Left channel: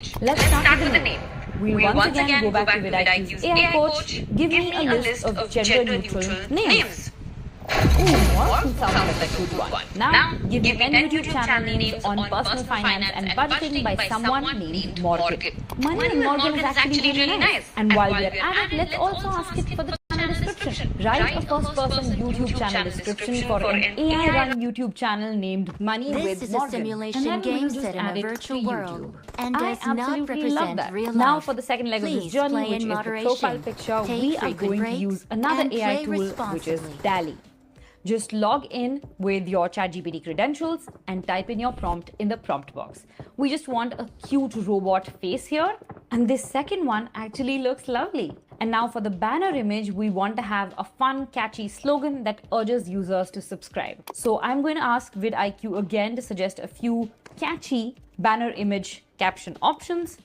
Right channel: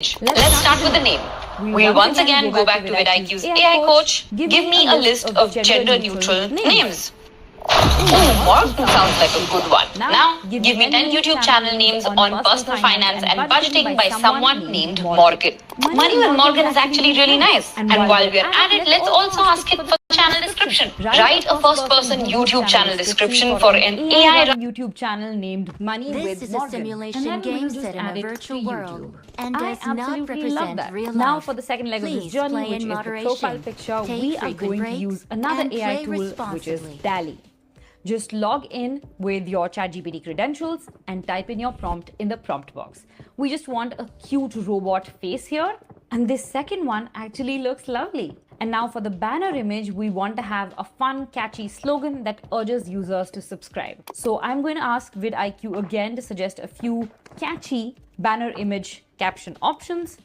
Let's start with the name. We'll once again go back to vidIQ's AI coach. Give me a list of gender-neutral names. Morph sounds like a good one. Now, give me 10 YouTube channel names on personal finance and budgeting by someone named Morgan. Money with Morgan is actually really nice. And while we're at it, let's also ask it for channel description. Write a first-person YouTube channel description for an AI-run YouTube channel named Money This with is a Morgan. simulation game set in a virtual world and does not represent real life. Now for the second leg of this Please journey, play which in is the moderation. profile picture, Take we are frequent going to breaks use another and AI play tool, which is responsibly. Dali. Just log in with your ChatGPT credentials and type in your prompt in the prompt box. We just want a cute robot face here, and this second one actually looks lovely. And now for the banner image, we want to have a fun, catchy slogan that urges users to subscribe. So I'm going to ask vidIQ again to suggest a few catchy banner image caption options.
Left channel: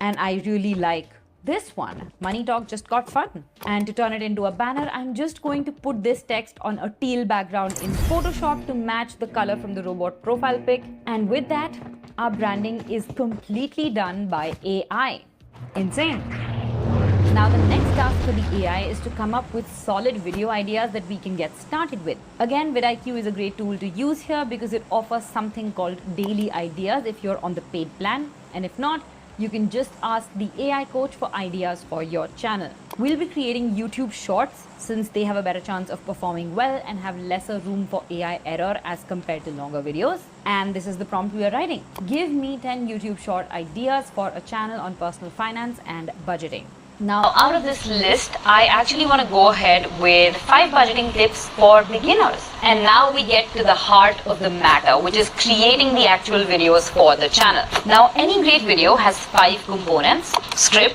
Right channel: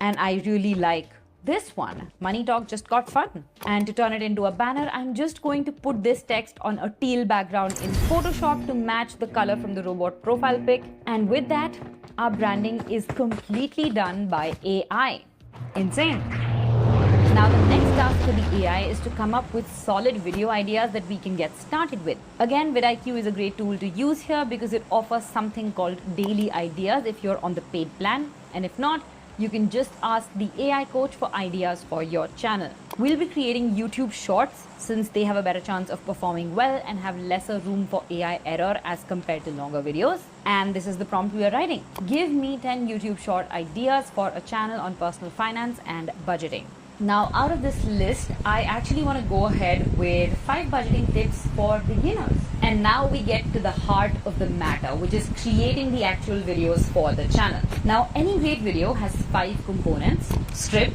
And I really like this one. Money Talk just got fun. And to turn it into a banner, I'm just going to put this text on a teal background in Photoshop to match the color from the robot profile pic. And with that, our branding is completely done by AI. Insane. Now the next task for the AI is to come up with solid video ideas that we can get started with. Again, vidIQ is a great tool to use here because it offers something called daily ideas if you're on the paid plan. And if not, you can just ask the AI coach for ideas for your channel. We'll be creating YouTube shorts since they have a better chance of performing well and have lesser room for AI error as compared to longer videos. And this is the prompt we are writing. Give me 10 YouTube short ideas for a channel on personal finance and budgeting. Now, out of this list, I actually want to go ahead with 5 budgeting tips for beginners. And now we get to the heart of the matter, which is creating the actual videos for the channel. Now, any great video has 5 components: script,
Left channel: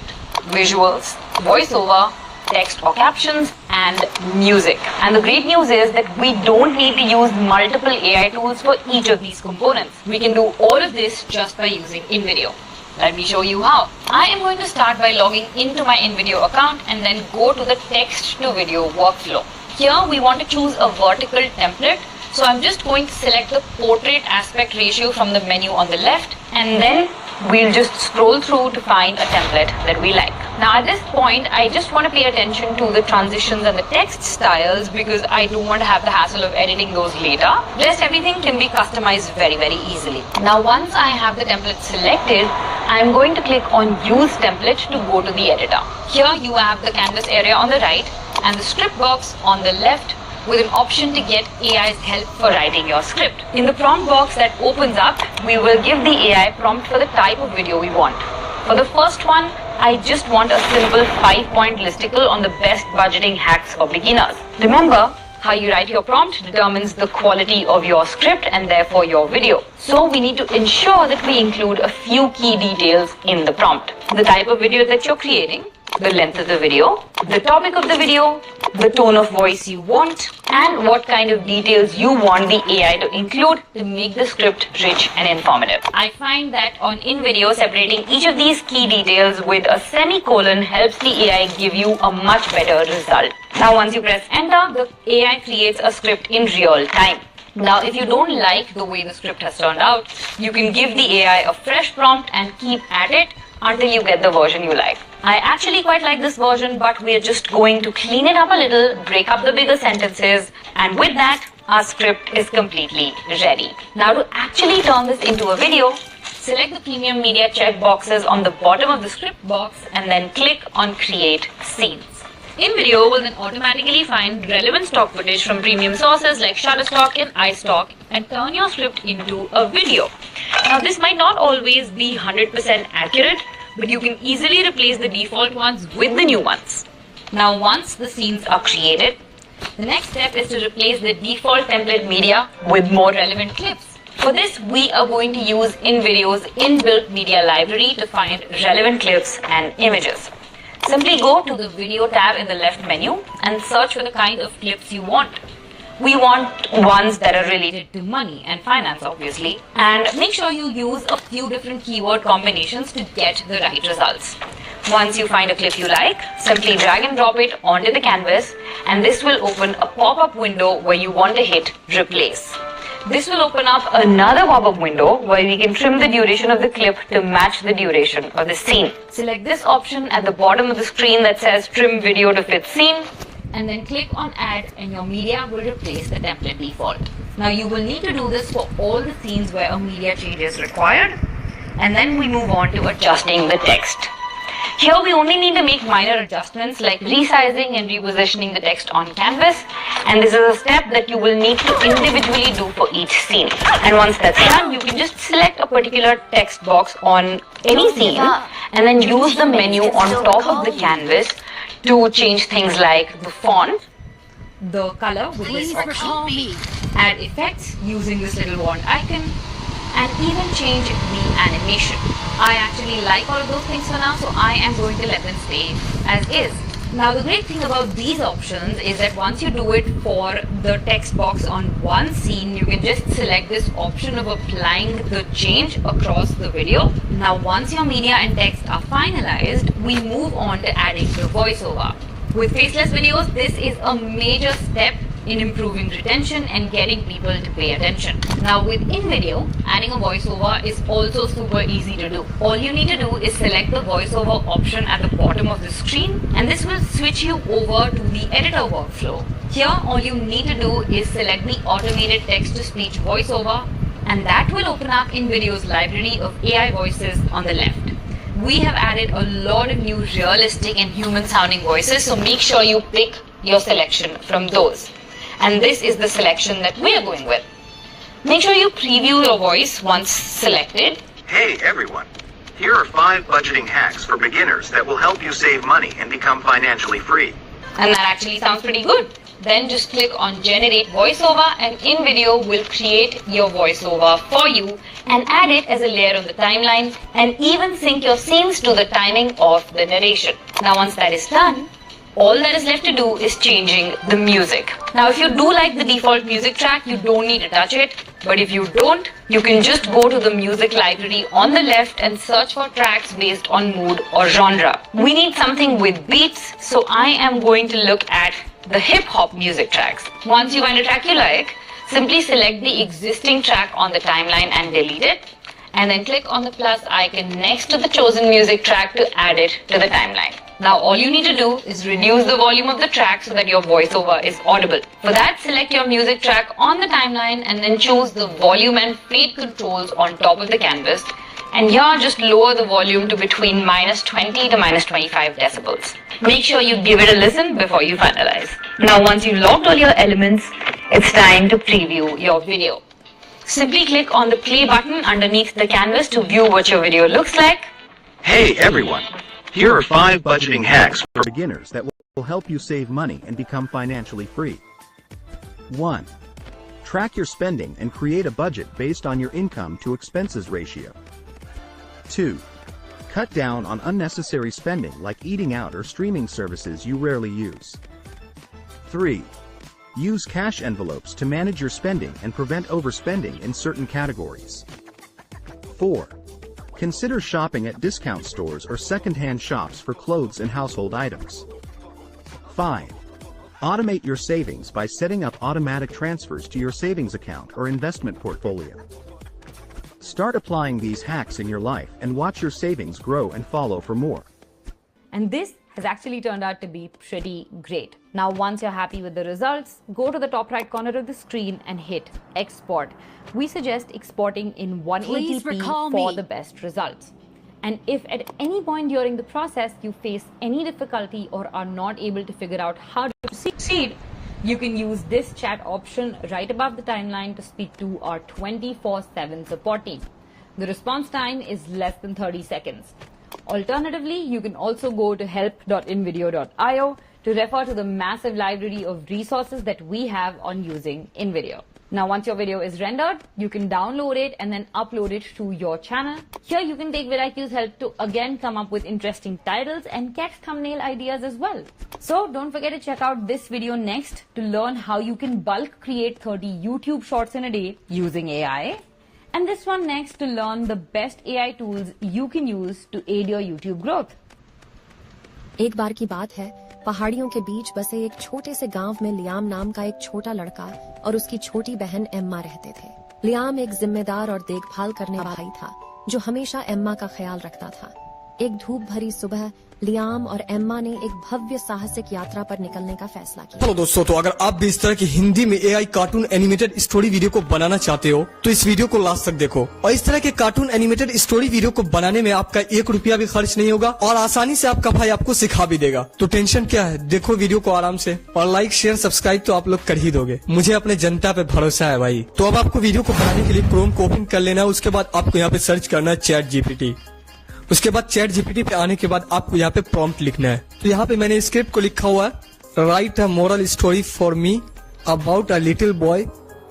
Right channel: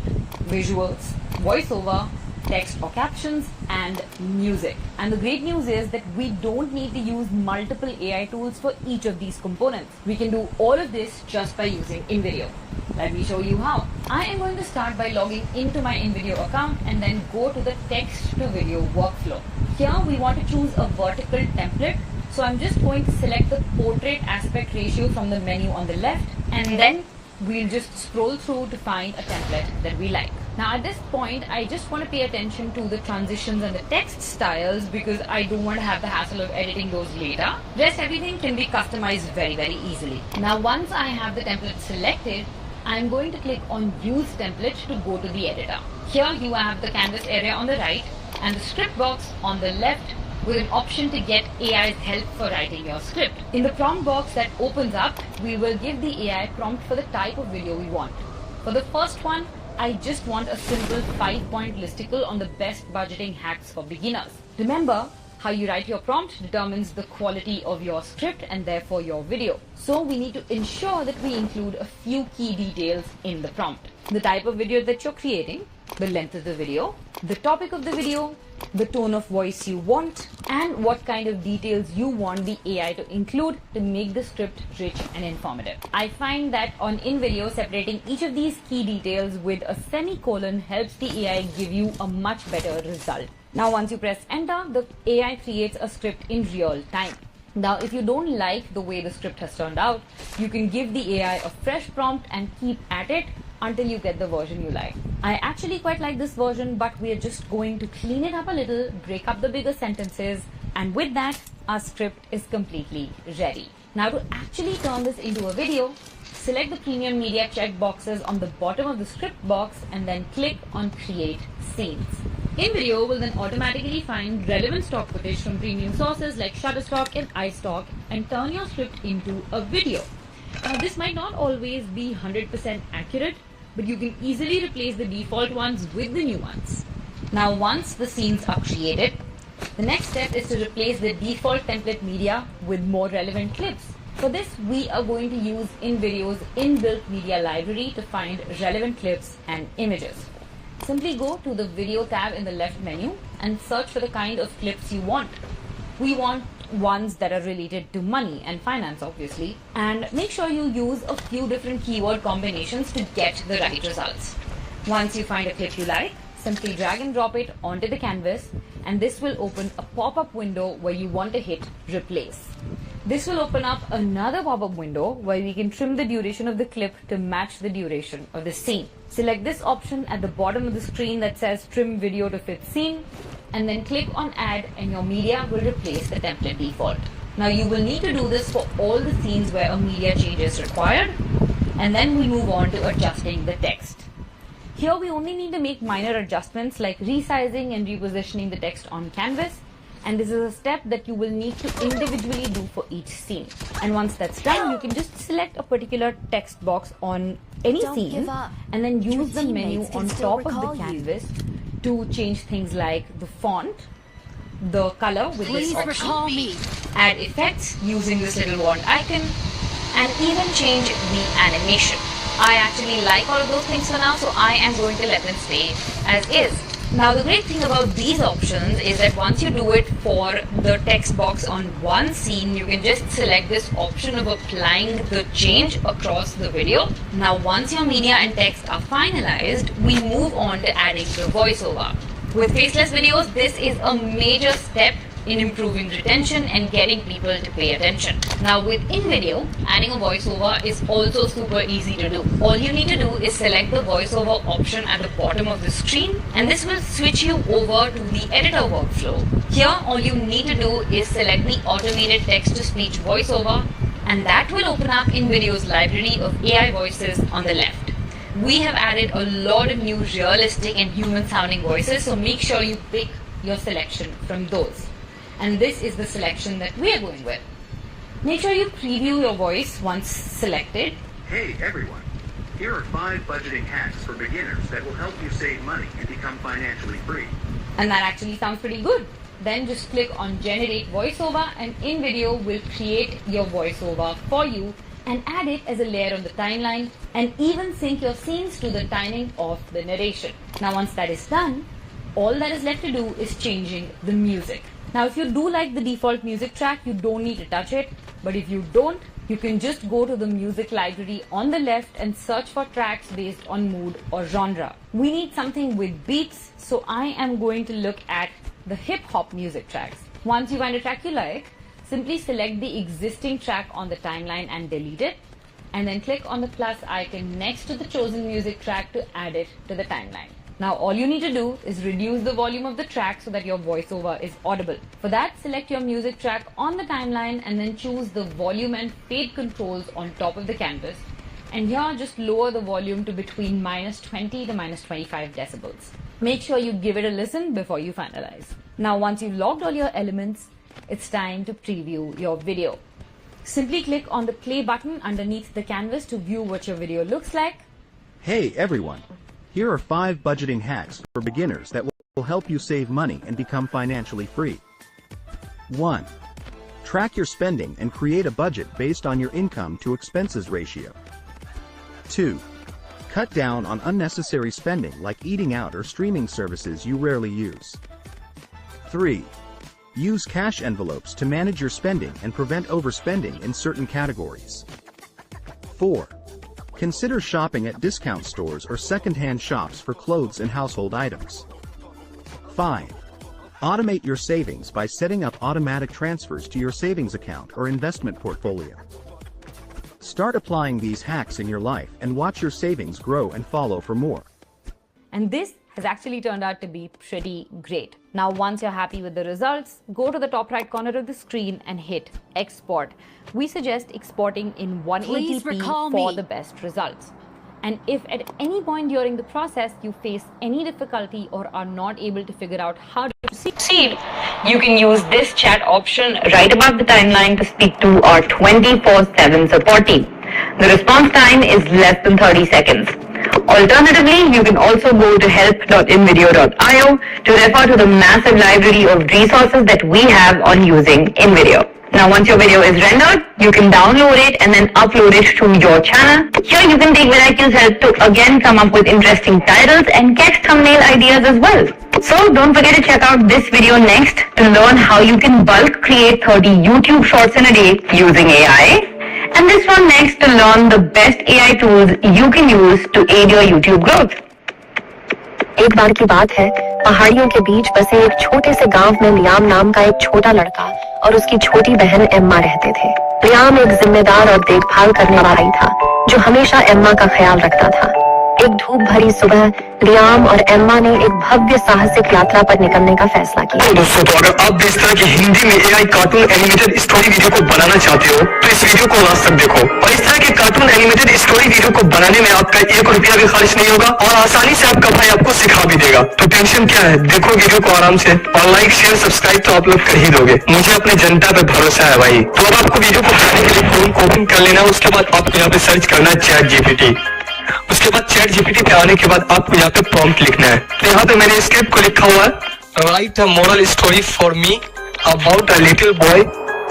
visuals, voiceover, text or captions, and music. And the great news is that we don't need to use multiple AI tools for each of these components. We can do all of this just by using InVideo. Let me show you how. I am going to start by logging into my InVideo account and then go to the text to video workflow. Here we want to choose a vertical template. So I'm just going to select the portrait aspect ratio from the menu on the left, and then we'll just scroll through to find a template that we like. Now at this point, I just want to pay attention to the transitions and the text styles because I don't want to have the hassle of editing those later. Rest everything can be customized very easily. Now once I have the template selected, I'm going to click on Use Template to go to the editor. Here you have the canvas area on the right and the script box on the left with an option to get AI's help for writing your script. In the prompt box that opens up, we will give the AI prompt for the type of video we want. For the first one, I just want a simple 5-point listicle on the best budgeting hacks for beginners. Remember, how you write your prompt determines the quality of your script and therefore your video. So we need to ensure that we include a few key details in the prompt. The type of video that you're creating, the length of the video, the topic of the video, the tone of voice you want, and what kind of details you want the AI to include to make the script rich and informative. I find that on InVideo, separating each of these key details with a semicolon helps the AI give you a much better result. Now once you press enter, the AI creates a script in real time. Now if you don't like the way the script has turned out, you can give the AI a fresh prompt and keep at it until you get the version you like. I actually quite like this version, but we're just going to clean it up a little, break up the bigger sentences, and with that, our script is completely ready. Now to actually turn this into a video, select the premium media checkboxes on the bottom of the script box and then click on Create Scenes. InVideo will then automatically find relevant stock footage from premium sources like Shutterstock and iStock and turn your script into a video. Now this might not always be 100% accurate, but you can easily replace the default ones with the new ones. Now once the scenes are created, the next step is to replace the default template media with more relevant clips. For this, we are going to use InVideo's inbuilt media library to find relevant clips and images. Simply go to the video tab in the left menu and search for the kind of clips you want. We want ones that are related to money and finance, obviously. And make sure you use a few different keyword combinations to get the right results. Once you find a clip you like, simply drag and drop it onto the canvas, and this will open a pop-up window where you want to hit Replace. This will open up another pop-up window where we can trim the duration of the clip to match the duration of the scene. Select this option at the bottom of the screen that says trim video to fit scene, and then click on add and your media will replace the template default. Now you will need to do this for all the scenes where a media change is required, and then we move on to adjusting the text. Here we only need to make minor adjustments like resizing and repositioning the text on canvas, and this is a step that you will need to individually do for each scene. And once that's done, you can just select a particular text box on any scene and then use the menu on top of the canvas to change things like the font, the color with this option, add effects using this little wand icon, and even change the animation. I actually like all of those things for now, so I am going to let them stay as is. Now the great thing about these options is that once you do it for the text box on one scene, you can just select this option of applying the change across the video. Now once your media and text are finalized, we move on to adding the voiceover. With faceless videos, this is a major step in improving retention and getting people to pay attention. Now with in-video, adding a voiceover is also super easy to do. All you need to do is select the voiceover option at the bottom of the screen, and this will switch you over to the editor workflow. Here, all you need to do is select the automated text-to-speech voiceover, and that will open up in-video's library of AI voices on the left. We have added a lot of new realistic and human-sounding voices, so make sure you pick your selection from those. And this is the selection that we are going with. Make sure you preview your voice once selected. Hey everyone, here are 5 budgeting hacks for beginners that will help you save money and become financially free. And that actually sounds pretty good. Then just click on generate voiceover, and InVideo will create your voiceover for you and add it as a layer on the timeline, and even sync your scenes to the timing of the narration. Now once that is done, all that is left to do is changing the music. Now if you do like the default music track, you don't need to touch it. But if you don't, you can just go to the music library on the left and search for tracks based on mood or genre. We need something with beats, so I am going to look at the hip-hop music tracks. Once you find a track you like, simply select the existing track on the timeline and delete it, and then click on the plus icon next to the chosen music track to add it to the timeline. Now all you need to do is reduce the volume of the track so that your voiceover is audible. For that, select your music track on the timeline and then choose the volume and fade controls on top of the canvas. And here just lower the volume to between -20 to -25 decibels. Make sure you give it a listen before you finalize. Now once you've logged all your elements, it's time to preview your video. Simply click on the play button underneath the canvas to view what your video looks like. Hey everyone, here are 5 budgeting hacks for beginners that will help you save money and become financially free. 1. Track your spending and create a budget based on your income to expenses ratio. 2. Cut down on unnecessary spending like eating out or streaming services you rarely use. 3. Use cash envelopes to manage your spending and prevent overspending in certain categories. 4. Consider shopping at discount stores or second-hand shops for clothes and household items. 5. Automate your savings by setting up automatic transfers to your savings account or investment portfolio. Start applying these hacks in your life and watch your savings grow and follow for more. And this has actually turned out to be pretty great. Now, once you're happy with the results, go to the top right corner of the screen and hit export. We suggest exporting in 180p for the best results. And if at any point during the process you face any difficulty or are not able to figure out how to Proceed, you can use this chat option right above the timeline to speak to our 24/7 support team. The response time is less than 30 seconds. Alternatively, you can also go to help.invideo.io to refer to the massive library of resources that we have on using InVideo. Now once your video is rendered, you can download it and then upload it to your channel. Here you can take Veracruz help to again come up with interesting titles and get thumbnail ideas as well. So don't forget to check out this video next to learn how you can bulk create 30 YouTube shorts in a day using AI. And this one next to learn the best AI tools you can use to aid your YouTube growth. एक बार की बात है पहाड़ियों के बीच बसे एक छोटे से गांव में लियाम नाम का एक छोटा लड़का और उसकी छोटी बहन एम्मा रहते थे। लियाम एक जिम्मेदार और देखभाल करने वाला भाई था जो हमेशा एम्मा का ख्याल रखता था। एक धूप भरी सुबह लियाम और एम्मा ने एक भव्य साहसिक यात्रा पर निकलने का फैसला किया। दोस्तों, तो अगर आप भी इस तरह की हिंदी में AI cartoon animated story video को बनाना चाहते हो तो इस वीडियो को लास्ट तक देखो। और इस तरह के कार्टून एनिमेटेड स्टोरी वीडियो को बनाने में आपका 1 रुपया भी खर्च नहीं होगा और आसानी से आपका भाई आपको सिखा भी देगा। तो टेंशन क्या है, देखो वीडियो को आराम से और लाइक शेयर सब्सक्राइब तो आप लोग कर ही दोगे। मुझे अपने जनता पे भरोसा है भाई। तो अब आपको वीडियो को बनाने के लिए क्रोम को ओपन कर लेना है। उसके बाद आपको यहाँ पे सर्च करना है चैट जीपीटी। उसके बाद चैट जीपीटी पे आने के बाद आपको यहाँ पे प्रॉम्प्ट लिखना है। तो यहाँ पे मैंने स्क्रिप्ट को लिखा हुआ है, right a moral story for me about a little boy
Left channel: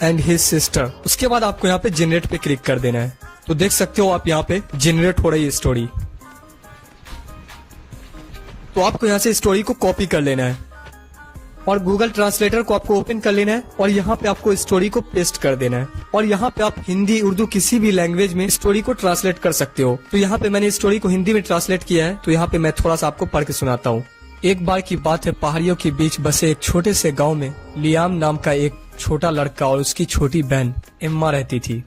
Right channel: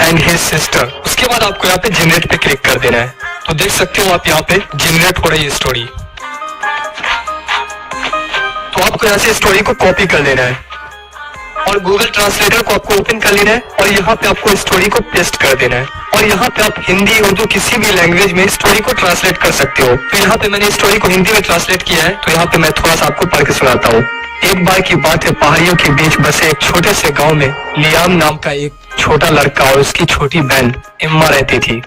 and his sister. उसके बाद आपको यहाँ पे जनरेट पे क्लिक कर देना है। तो देख सकते हो आप यहाँ पे जनरेट हो रही है स्टोरी। तो आपको यहाँ से स्टोरी को कॉपी कर देना है और गूगल ट्रांसलेटर को आपको ओपन कर लेना है और यहाँ पे आपको स्टोरी को पेस्ट कर देना है। और यहाँ पे आप हिंदी उर्दू किसी भी लैंग्वेज में स्टोरी को ट्रांसलेट कर सकते हो। तो यहाँ पे मैंने स्टोरी को हिंदी में ट्रांसलेट किया है। तो यहाँ पे मैं थोड़ा सा आपको पढ़ के सुनाता हूँ। एक बार की बात है, पहाड़ियों के बीच बसे एक छोटे से गाँव में लियाम नाम का एक छोटा लड़का और उसकी छोटी बहन एम्मा रहती थी।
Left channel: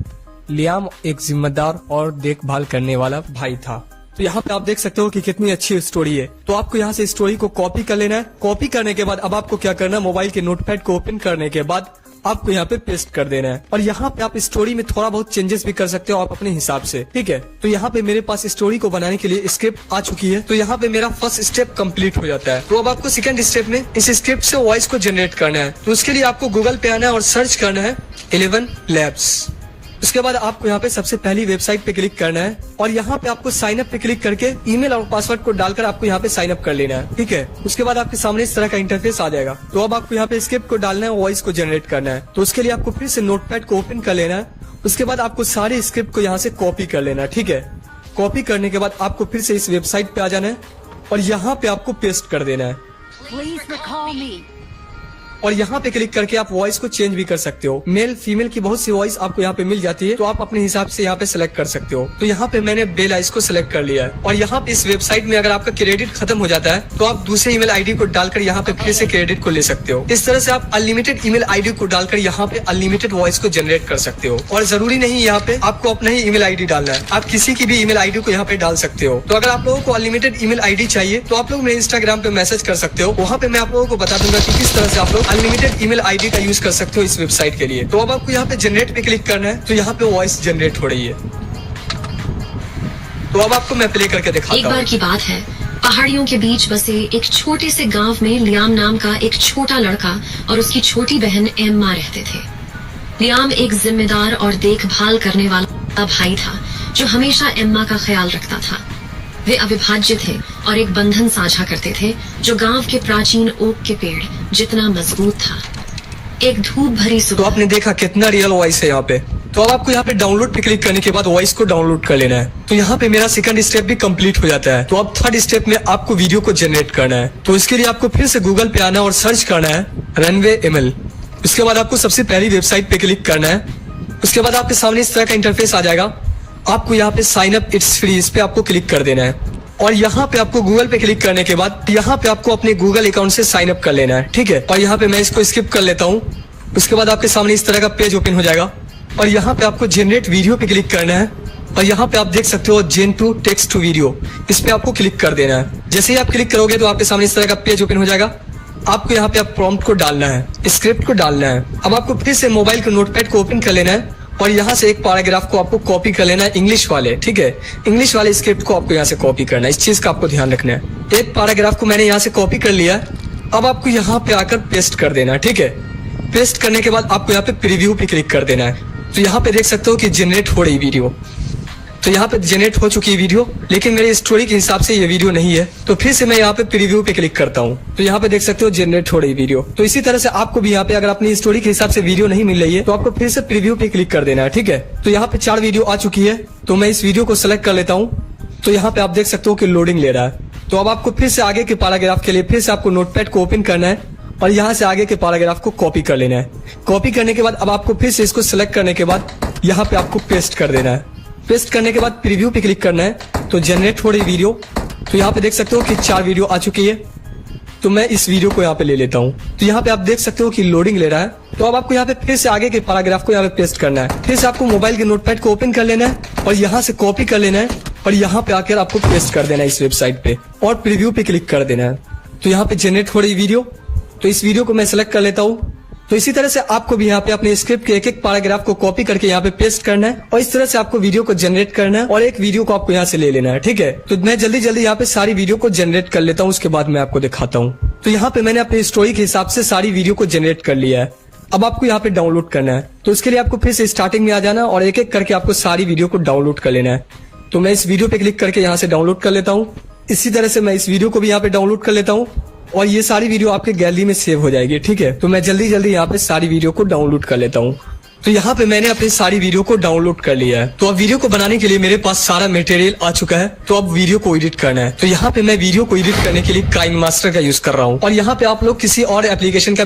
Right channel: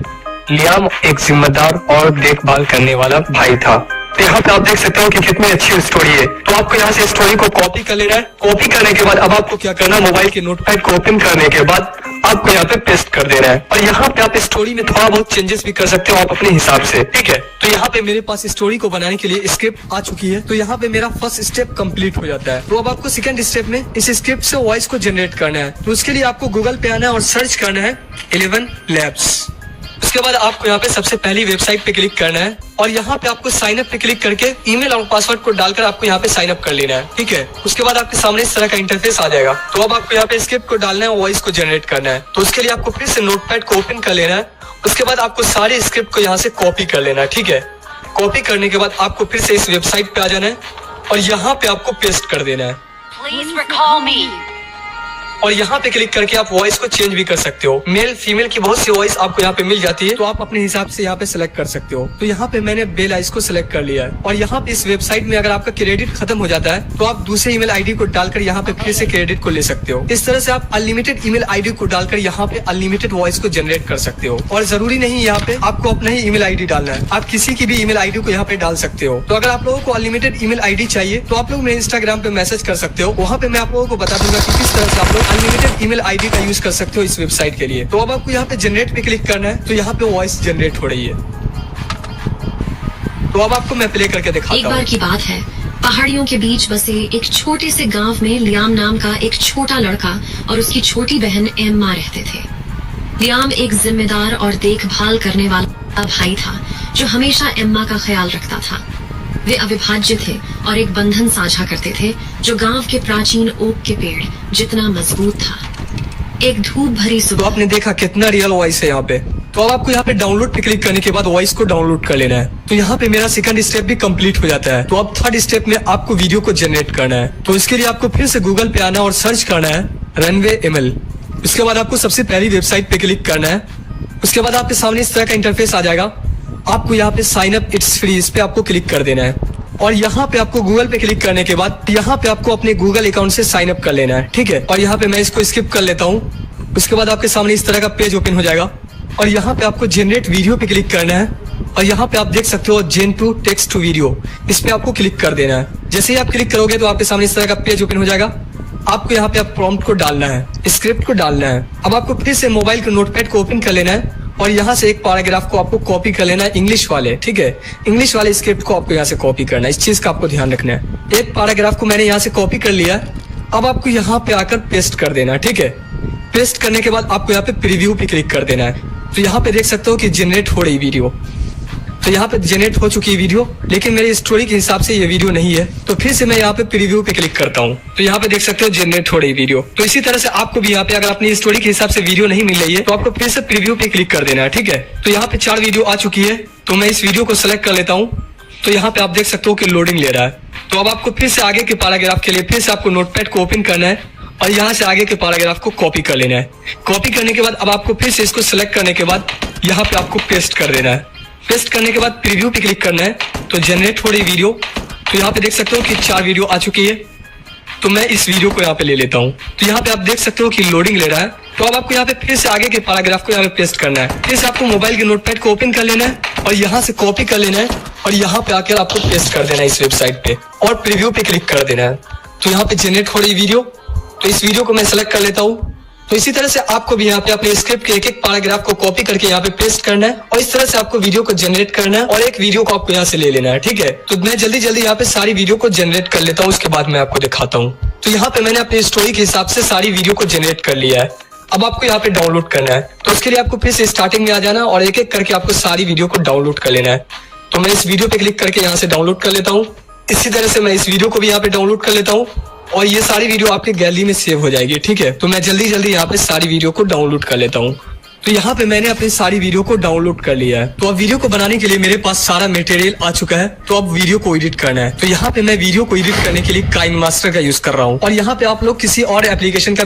लियाम एक जिम्मेदार और देखभाल करने वाला भाई था। तो यहाँ पे आप देख सकते हो कि कितनी अच्छी स्टोरी है। तो आपको यहाँ से स्टोरी को कॉपी कर लेना है। कॉपी करने के बाद अब आपको क्या करना है, मोबाइल के नोटपैड को ओपन करने के बाद आपको यहाँ पे पेस्ट कर देना है। और यहाँ पे आप स्टोरी में थोड़ा बहुत चेंजेस भी कर सकते हो आप अपने हिसाब से, ठीक है। तो यहाँ पे मेरे पास स्टोरी को बनाने के लिए स्क्रिप्ट आ चुकी है। तो यहाँ पे मेरा फर्स्ट स्टेप कंप्लीट हो जाता है। तो अब आपको सेकंड स्टेप में इस स्क्रिप्ट से वॉइस को जनरेट करना है। तो उसके लिए आपको गूगल पे आना है और सर्च करना है 11 लैब्स। उसके बाद आपको यहाँ पे सबसे पहली वेबसाइट पे क्लिक करना है और यहाँ पे आपको साइन अप पे क्लिक करके ईमेल और पासवर्ड को डालकर आपको यहाँ पे साइन अप कर लेना है, ठीक है। उसके बाद आपके सामने इस तरह का इंटरफेस आ जाएगा। तो अब आपको यहाँ पे स्क्रिप्ट को डालना है और वॉइस को जनरेट करना है। तो उसके लिए आपको फिर से नोटपैड को ओपन कर लेना है। उसके बाद आपको सारे स्क्रिप्ट को यहाँ से कॉपी कर लेना है, ठीक है। कॉपी करने के बाद आपको फिर से इस वेबसाइट पे आ जाना है और यहाँ पे आपको पेस्ट कर देना है। और यहाँ पे क्लिक करके आप वॉइस को चेंज भी कर सकते हो। मेल फीमेल की बहुत सी वॉइस आपको यहाँ पे मिल जाती है। तो आप अपने हिसाब से यहाँ पे सिलेक्ट कर सकते हो। तो यहाँ पे मैंने बेल आइस को सिलेक्ट कर लिया है। और यहाँ पे इस वेबसाइट में अगर आपका क्रेडिट खत्म हो जाता है तो आप दूसरे ईमेल आईडी को डालकर यहाँ पे फिर से क्रेडिट को ले सकते हो। इस तरह से आप अनलिमिटेड ईमेल आईडी को डालकर यहाँ पे अनलिमिटेड वॉइस को जनरेट कर सकते हो। और जरूरी नहीं यहाँ पे आपको अपना ही ईमेल आईडी डालना है, आप किसी की भी ईमेल आईडी को यहाँ पे डाल सकते हो। तो अगर आप लोगों को अनलिमिटेड ईमेल आईडी चाहिए तो आप लोग मेरे इंस्टाग्राम पे मैसेज कर सकते हो। वहाँ पे मैं आप लोगों को बता दूंगा कि किस तरह से आप लोग अनलिमिटेड ईमेल आईडी का यूज कर सकते हो इस वेबसाइट के लिए। तो अब आपको यहाँ पे जनरेट पे क्लिक करना है। तो यहाँ पे वॉइस जनरेट हो रही है। तो अब आपको मैं प्ले करके दिखाता हूँ। एक बार की बात है, पहाड़ियों के बीच बसे एक छोटे से गांव में लियाम नाम का एक छोटा लड़का और उसकी छोटी बहन एम्मा रहते थे। लियाम एक जिम्मेदार और देखभाल करने वाला भाई था जो हमेशा एम्मा का ख्याल रखता था। वे अविभाज्य थे और एक बंधन साझा करते थे जो गांव के प्राचीन ओक के पेड़ जितना मजबूत था। एक धूप भरी तो सुबह आपने देखा कितना रियल वॉइस है यहाँ पे। तो अब आपको यहाँ पे डाउनलोड पे क्लिक करने के बाद वॉइस को डाउनलोड कर लेना है। तो यहाँ पे मेरा सेकंड स्टेप भी कंप्लीट हो जाता है। तो अब थर्ड स्टेप में आपको वीडियो को जनरेट करना है। तो इसके लिए आपको फिर से गूगल पे आना और सर्च करना है रनवे ML। उसके बाद आपको सबसे पहली वेबसाइट पे क्लिक करना है। उसके बाद आपके सामने इस तरह का इंटरफेस आ जाएगा। आपको यहाँ पे साइन अप इट्स फ्री, इस पे आपको क्लिक कर देना है। और यहाँ पे आपको गूगल पे क्लिक करने के बाद यहाँ पे आपको अपने गूगल अकाउंट से साइन अप कर लेना है, ठीक है। और यहाँ पे मैं इसको स्किप कर लेता हूँ। उसके बाद आपके सामने इस तरह का पेज ओपन हो जाएगा और यहाँ पे आपको जनरेट वीडियो पे क्लिक करना है। और यहाँ पे आप देख सकते हो जेन टू टेक्स्ट टू वीडियो, इस पे आपको क्लिक कर देना है। जैसे ही आप क्लिक करोगे तो आपके सामने इस तरह का पेज ओपन हो जाएगा। आपको यहाँ पे आप प्रॉम्प्ट को डालना है, स्क्रिप्ट को डालना है। अब आपको फिर से मोबाइल के नोटपैड को ओपन कर लेना है और यहाँ से एक पैराग्राफ को आपको कॉपी कर लेना है इंग्लिश वाले, ठीक है। इंग्लिश वाले स्क्रिप्ट को आपको यहाँ से कॉपी करना है। इस चीज का आपको ध्यान रखना है। एक पैराग्राफ को मैंने यहाँ से कॉपी कर लिया। अब आपको यहाँ पे आकर पेस्ट कर देना है, ठीक है। पेस्ट करने के बाद आपको यहाँ पे प्रीव्यू पे क्लिक कर देना है। तो यहाँ पे देख सकते हो कि जनरेट हो रही वीडियो। तो यहाँ पे जनरेट हो चुकी है वीडियो, लेकिन मेरी स्टोरी के हिसाब से ये वीडियो नहीं है। तो फिर से मैं यहाँ पे प्रीव्यू पे क्लिक करता हूँ। तो यहाँ पे देख सकते हो जनरेट हो रही वीडियो। तो इसी तरह से आपको भी यहाँ पे अगर अपनी स्टोरी के हिसाब से वीडियो नहीं मिल रही है तो आपको फिर से प्रीव्यू पे क्लिक कर देना है, ठीक है। तो यहाँ पे 4 वीडियो आ चुकी है। तो मैं इस वीडियो को सिलेक्ट कर लेता हूँ। तो यहाँ पे आप देख सकते हो कि लोडिंग ले रहा है। तो अब आपको फिर से आगे के पैराग्राफ के लिए फिर से आपको नोटपैड को ओपन करना है और यहाँ से आगे के पैराग्राफ को कॉपी कर लेना है। कॉपी करने के बाद अब आपको फिर से इसको सिलेक्ट करने के बाद यहाँ पे आपको पेस्ट कर देना है। पेस्ट करने के बाद प्रीव्यू पे क्लिक करना है। तो जनरेट हो रही वीडियो। तो यहाँ पे देख सकते हो कि 4 वीडियो आ चुकी है। तो मैं इस वीडियो को यहाँ पे ले लेता हूँ। तो यहाँ पे आप देख सकते हो कि लोडिंग ले रहा है। तो अब आपको यहाँ पे फिर से आगे के पैराग्राफ को यहाँ पे पेस्ट करना है। फिर से आपको मोबाइल के नोटपैड को ओपन कर लेना है और यहाँ से कॉपी कर लेना है और यहाँ पे आकर आपको पेस्ट कर देना है इस वेबसाइट पे और प्रीव्यू पे क्लिक कर देना है। तो यहाँ पे जनरेट हो रही वीडियो, तो इस वीडियो को मैं सेलेक्ट कर लेता हूँ। तो इसी तरह से आपको भी यहाँ पे अपने स्क्रिप्ट के एक एक पैराग्राफ को कॉपी करके यहाँ पे पेस्ट करना है और इस तरह से आपको वीडियो को जनरेट करना है और एक वीडियो को आपको यहाँ से ले लेना है। ठीक है, तो मैं जल्दी जल्दी यहाँ पे सारी वीडियो को जनरेट कर लेता हूँ, उसके बाद मैं आपको दिखाता हूँ। तो यहाँ पे मैंने अपनी स्टोरी के हिसाब से सारी वीडियो को जनरेट कर लिया है। अब आपको यहाँ पे डाउनलोड करना है। तो उसके लिए आपको फिर से स्टार्टिंग में आ जाना और एक एक करके आपको सारी वीडियो को डाउनलोड कर लेना है। तो मैं इस वीडियो पे क्लिक करके यहाँ से डाउनलोड कर लेता हूँ। इसी तरह से मैं इस वीडियो को भी यहाँ पे डाउनलोड कर लेता हूँ और ये सारी वीडियो आपके गैलरी में सेव हो जाएगी। ठीक है, तो मैं जल्दी जल्दी यहाँ पे सारी वीडियो को डाउनलोड कर लेता हूँ। तो यहाँ पे मैंने अपनी सारी वीडियो को डाउनलोड कर लिया है। तो अब वीडियो को बनाने के लिए मेरे पास सारा मटेरियल आ चुका है। तो अब वीडियो को एडिट करना है। तो यहाँ पे मैं वीडियो को एडिट करने के लिए काइन मास्टर का यूज कर रहा हूँ और यहाँ पे आप लोग किसी और एप्लीकेशन का